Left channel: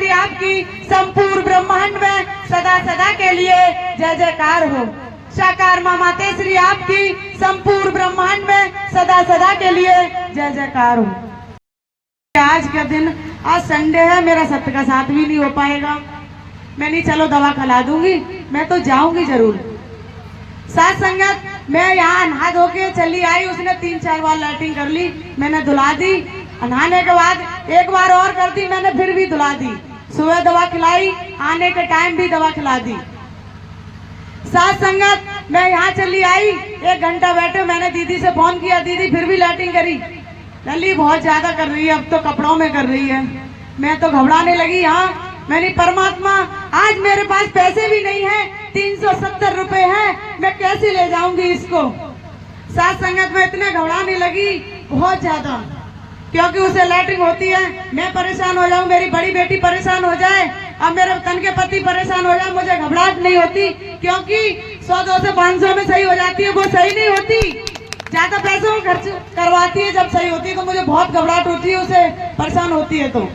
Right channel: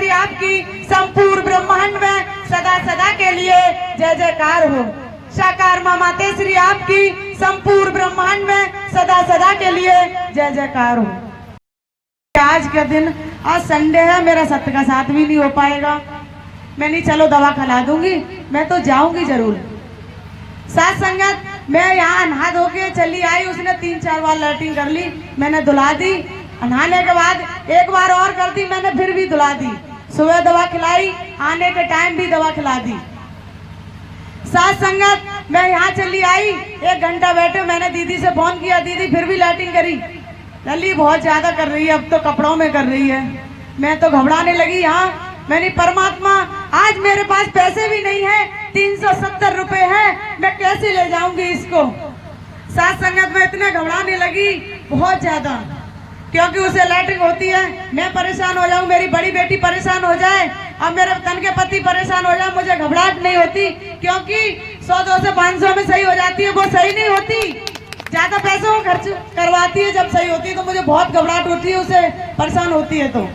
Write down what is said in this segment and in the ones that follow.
श्री आपकी संपूर्ण ब्रह्मांड में सदा सदा के लिए जय जयकार हो। साकार माँ माते श्री आपकी संपूर्ण ब्रह्मांड में सदा सदा के लिए जय जयकार हो। आज का दिन, आज संडे है, मेरा सत्य का साथ भी नहीं हो पाएगा। मैं नहीं, चलो दवा खिला दूंगी, मैं तो जाऊंगी जरूर। साथ संगत, मैं यहाँ नहा धो के चली आई, उसने 3-4 बार लैट्रिन कर ली, मैंने धुला दी। नहाने के बाद एक बार और कर दी, मैंने फिर भी धुला दी। सुबह दवा खिलाई, आने के टाइम भी दवा खिला दी। साथ संगत, मैं यहाँ चली आई, 1 घंटा बैठे, मैंने दीदी से फोन किया, दीदी फिर भी लैट्रिन करी। लली बहुत ज्यादा कर रही है, अब तो कपड़ों में कर रही है। मैं तो घबराने लगी। यहाँ मैंने, परमात्मा आज मेरे पास पैसे भी नहीं है, 370 रुपए हैं, मैं कैसे ले जाऊंगी इसको। साथ संगत में इतने घबराने लगी बहुत ज्यादा, क्योंकि उसे लैट्रिन होती है, मैं परेशान हो जाऊं, मेरी बड़ी बेटी परेशान हो जाए, अब मेरे तन के पति परेशान हो जाए, मुझे घबराहट नहीं होती, क्योंकि 100-200 500 में सही हो जाती है, वो सही नहीं होती। ज्यादा पैसों में खर्च करवाती है, जब सही होती है तो मुझे बहुत घबराहट होती है, उसे परेशान होती है। तो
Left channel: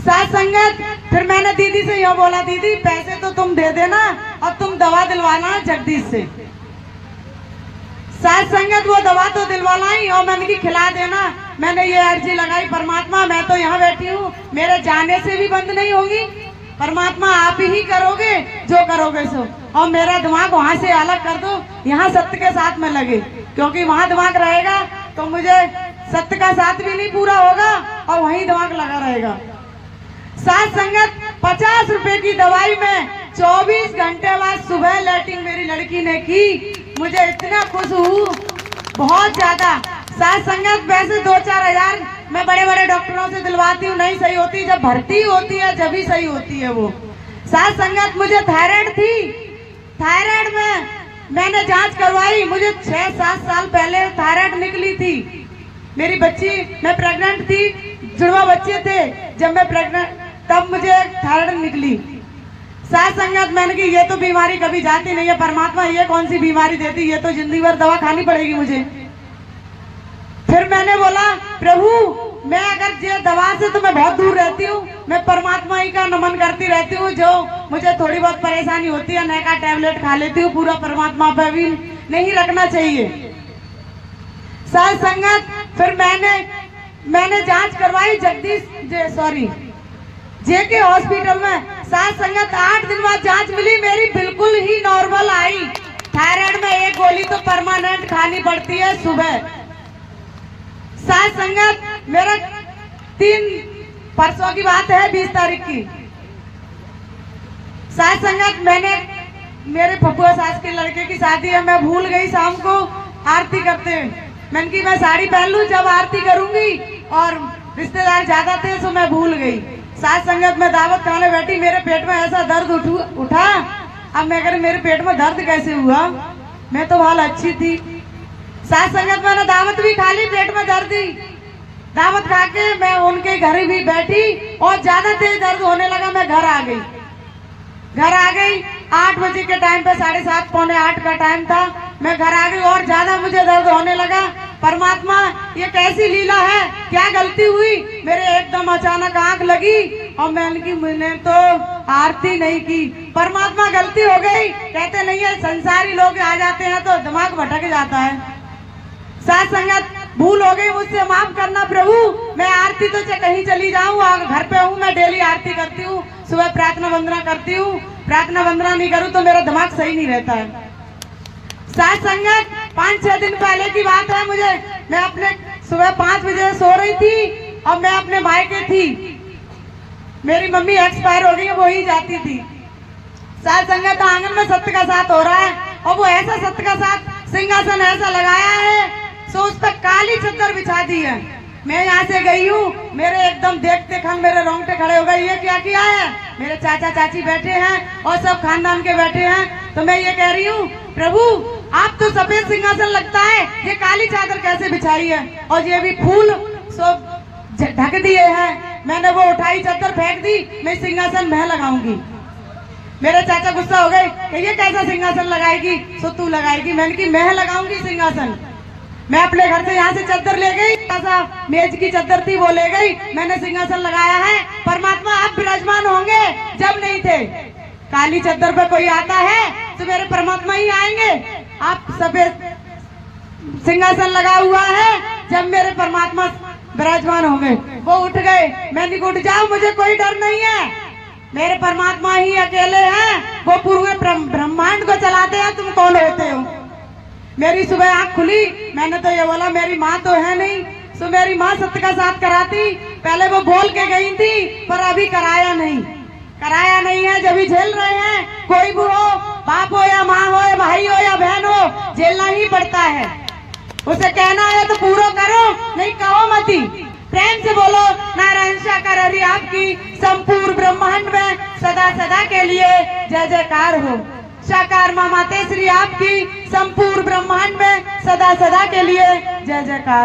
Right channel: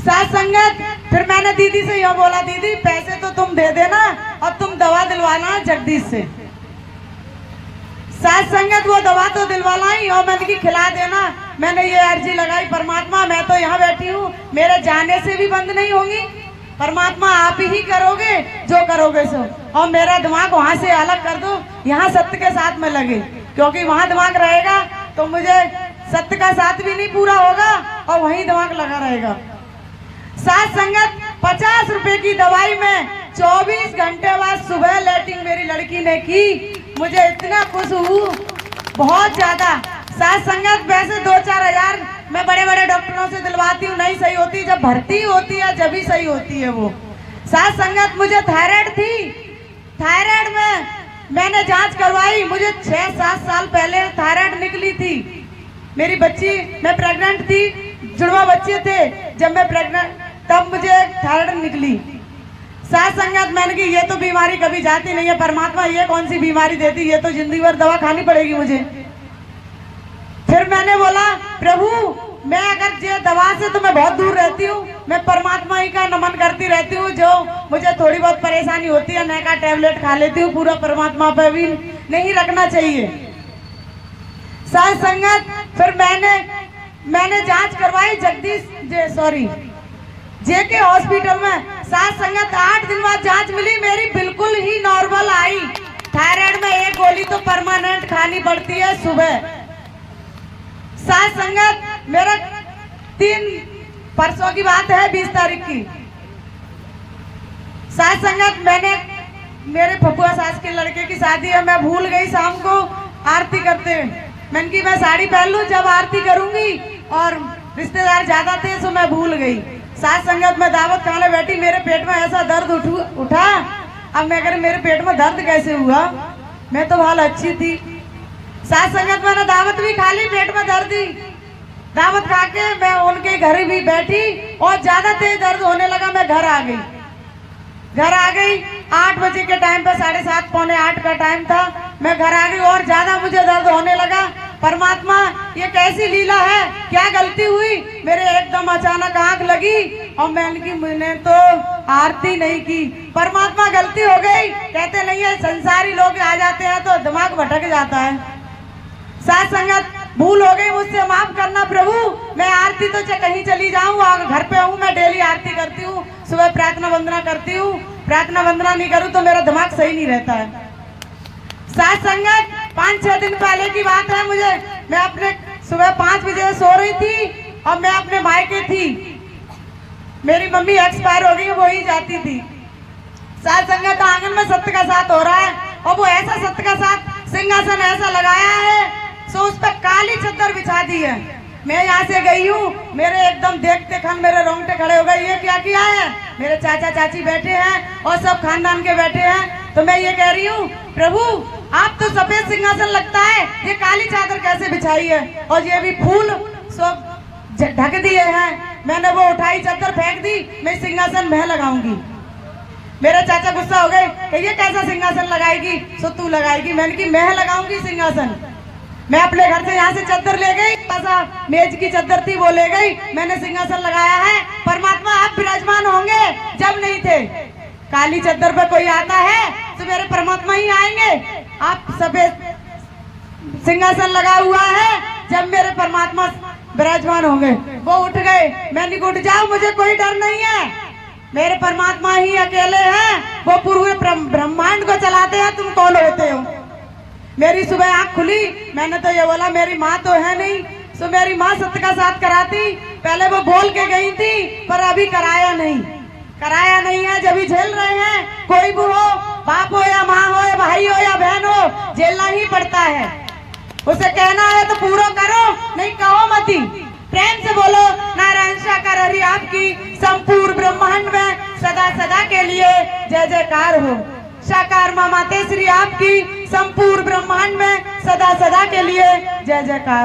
साथ संगत, फिर मैंने दीदी से यह बोला, दीदी पैसे तो तुम दे देना और तुम दवा दिलवाना जगदीश से। साथ संगत, वो दवा तो दिलवाना ही और मैंने की खिला देना। मैंने ये अर्जी लगाई, परमात्मा मैं तो यहाँ बैठी हूँ, मेरे जाने से भी बंद नहीं होगी, परमात्मा आप ही करोगे जो करोगे सो, और मेरा दिमाग वहां से अलग कर दो, यहाँ सत्य के साथ में लगे, क्योंकि वहां दिमाग रहेगा तो मुझे सत्य का साथ भी नहीं पूरा होगा और वहीं दिमाग लगा रहेगा। साथ संगत, 50 रुपए की दवाई में 24 घंटे बाद सुबह लैट्रिन मेरी लड़की ने की, मुझे इतना खुश हूँ बहुत ज्यादा। साथ संगत, वैसे 2-4 हजार मैं बड़े बड़े डॉक्टरों से दिलवाती हूँ, नहीं सही होती, जब भर्ती होती है जब ही सही होती है वो। साथ संगत, मुझे थायराइड थी, थायराइड में मैंने जांच करवाई, मुझे 6-7 साल पहले थायराइड निकली थी। मेरी बच्ची, मैं प्रेग्नेंट थी, जुड़वा बच्चे थे, जब मैं प्रेग्नेंट तब मुझे थायराइड निकली। साथ संगत, मैंने की ये तो बीमारी कभी जाती नहीं है, परमात्मा ये कौन सी बीमारी देती, ये तो जिंदगी भर दवा खानी पड़ेगी मुझे। फिर मैंने बोला, प्रभु मैं अगर ये दवा से तो मैं बहुत दूर रहती हूँ, मैं परमात्मा ही का नमन करती रहती हूँ, जो मुझे थोड़ी बहुत परेशानी होती है, मैं का टैबलेट खा लेती हूँ, पूरा परमात्मा पर भी नहीं रखना चाहिए। साथ संगत, फिर मैंने जांच करवाई जगदीश जेके हॉस्पिटल में। साथ संगत, 8 दिन बाद जांच मिली, मेरी बिल्कुल ही नॉर्मल आई। थायराइड में 1 गोली तो परमानेंट खानी पड़ती है सुबह। साथ संगत, मेरा 3 परसों की बात है, 20 तारीख की। साथ संगत, मेरे फुफुआ सास के लड़के की शादी है, मैं भूल गई शाम को आरती करते हैं, मैंने की मैं साड़ी पहन लूं जब आरती करूंगी, और रिश्तेदार ज्यादा थे तो मैं भूल गई। साथ संगत, मैं दावत खाने बैठी, मेरे पेट में ऐसा दर्द उठा। अब मैं कह, मेरे पेट में दर्द कैसे हुआ, मैं तो बहुत अच्छी थी। साथ संगत, मैंने दावत भी खा ली, पेट में दर्द ही, दावत खा के मैं उनके घर भी बैठी और ज्यादा तेज दर्द होने लगा, मैं घर आ गई 8 बजे के टाइम पे, 7:30 पौने 8 का टाइम था, मैं घर आ गई और ज्यादा मुझे दर्द होने लगा। परमात्मा ये कैसी लीला है, क्या गलती हुई, मेरे एकदम अचानक आंख लगी और मैंने तो आरती नहीं की। परमात्मा गलती हो गई, कहते नहीं है संसारी लोग आ जाते हैं तो दिमाग भटक जाता है। साथ संगत, भूल हो गई मुझसे, माफ करना प्रभु, मैं आरती तो कहीं चली जाऊं, घर पे हूँ, मैं डेली आरती करती हूँ, सुबह प्रार्थना वंदना करती हूँ, प्रार्थना वंदना नहीं करूँ तो मेरा दिमाग सही नहीं रहता है। साथ संगत, 5-6 दिन पहले की बात है, मैं अपने सुबह 5 बजे सो रही थी और मैं अपने मायके थी, मेरी मम्मी एक्सपायर हो गई, वो ही जाती थी। साथ संगत, आंगन में सत्य का साथ हो रहा है और वो ऐसा सत्य का साथ, सिंहासन ऐसा लगाया है सो उस पर काली चद्दर बिछा दी है। मैं यहाँ से गई हूँ, मेरे एकदम देखते खन मेरे रोंगटे खड़े हो गए, ये क्या किया है, मेरे चाचा चाची बैठे हैं और सब खानदान के बैठे हैं, तो मैं ये कह रही हूँ, प्रभु आप तो सफेद सिंहासन लगता है, ये काली चादर कैसे बिछाई है, और ये भी फूल सब ढक दिए हैं। मैंने वो उठाई चद्दर फेंक दी, मैं सिंहासन मैं लगाऊंगी। मेरे चाचा गुस्सा हो गए कि ये कैसा सिंहासन लगाएगी, सो तू लगाएगी, मैंने की मैं लगाऊंगी सिंहासन। मैं अपने घर से यहाँ से चादर ले गई, ऐसा मेज की चादर थी वो ले गई, मैंने सिंहासन लगाया है। परमात्मा आप विराजमान होंगे, जब नहीं थे। काली चादर पे कोई आता है तो मेरे परमात्मा ही आएंगे। आप सफेद सिंहासन लगा हुआ है, जब मेरे परमात्मा विराजमान होंगे। वो उठ गए, मैंने उठ जाऊं, मुझे कोई डर नहीं है, मेरे परमात्मा ही अकेले हैं, वो पूरे ब्रह्मांड को चलाते हैं, तुम कौन होते हो। मेरी सुबह आंख खुली, मैंने तो ये बोला मेरी माँ तो है नहीं, तो मेरी माँ सत्य का साथ कराती। पहले वो बोल के गई थी, पर अभी कराया नहीं है, जब भी झेल रहे हैं। कोई भी हो, बाप हो या माँ हो या भाई हो या बहन हो, झेलना ही पड़ता है। उसे कहना है तो पूरा करो, नहीं कहो मती। प्रेम से बोलो नारायण साकार हरि आपकी संपूर्ण ब्रह्मांड में सदा सदा के लिए जय जयकार हो। साकार माँ मातेश्वरी आपकी संपूर्ण ब्रह्मांड में सदा सदा के लिए जय जयकार।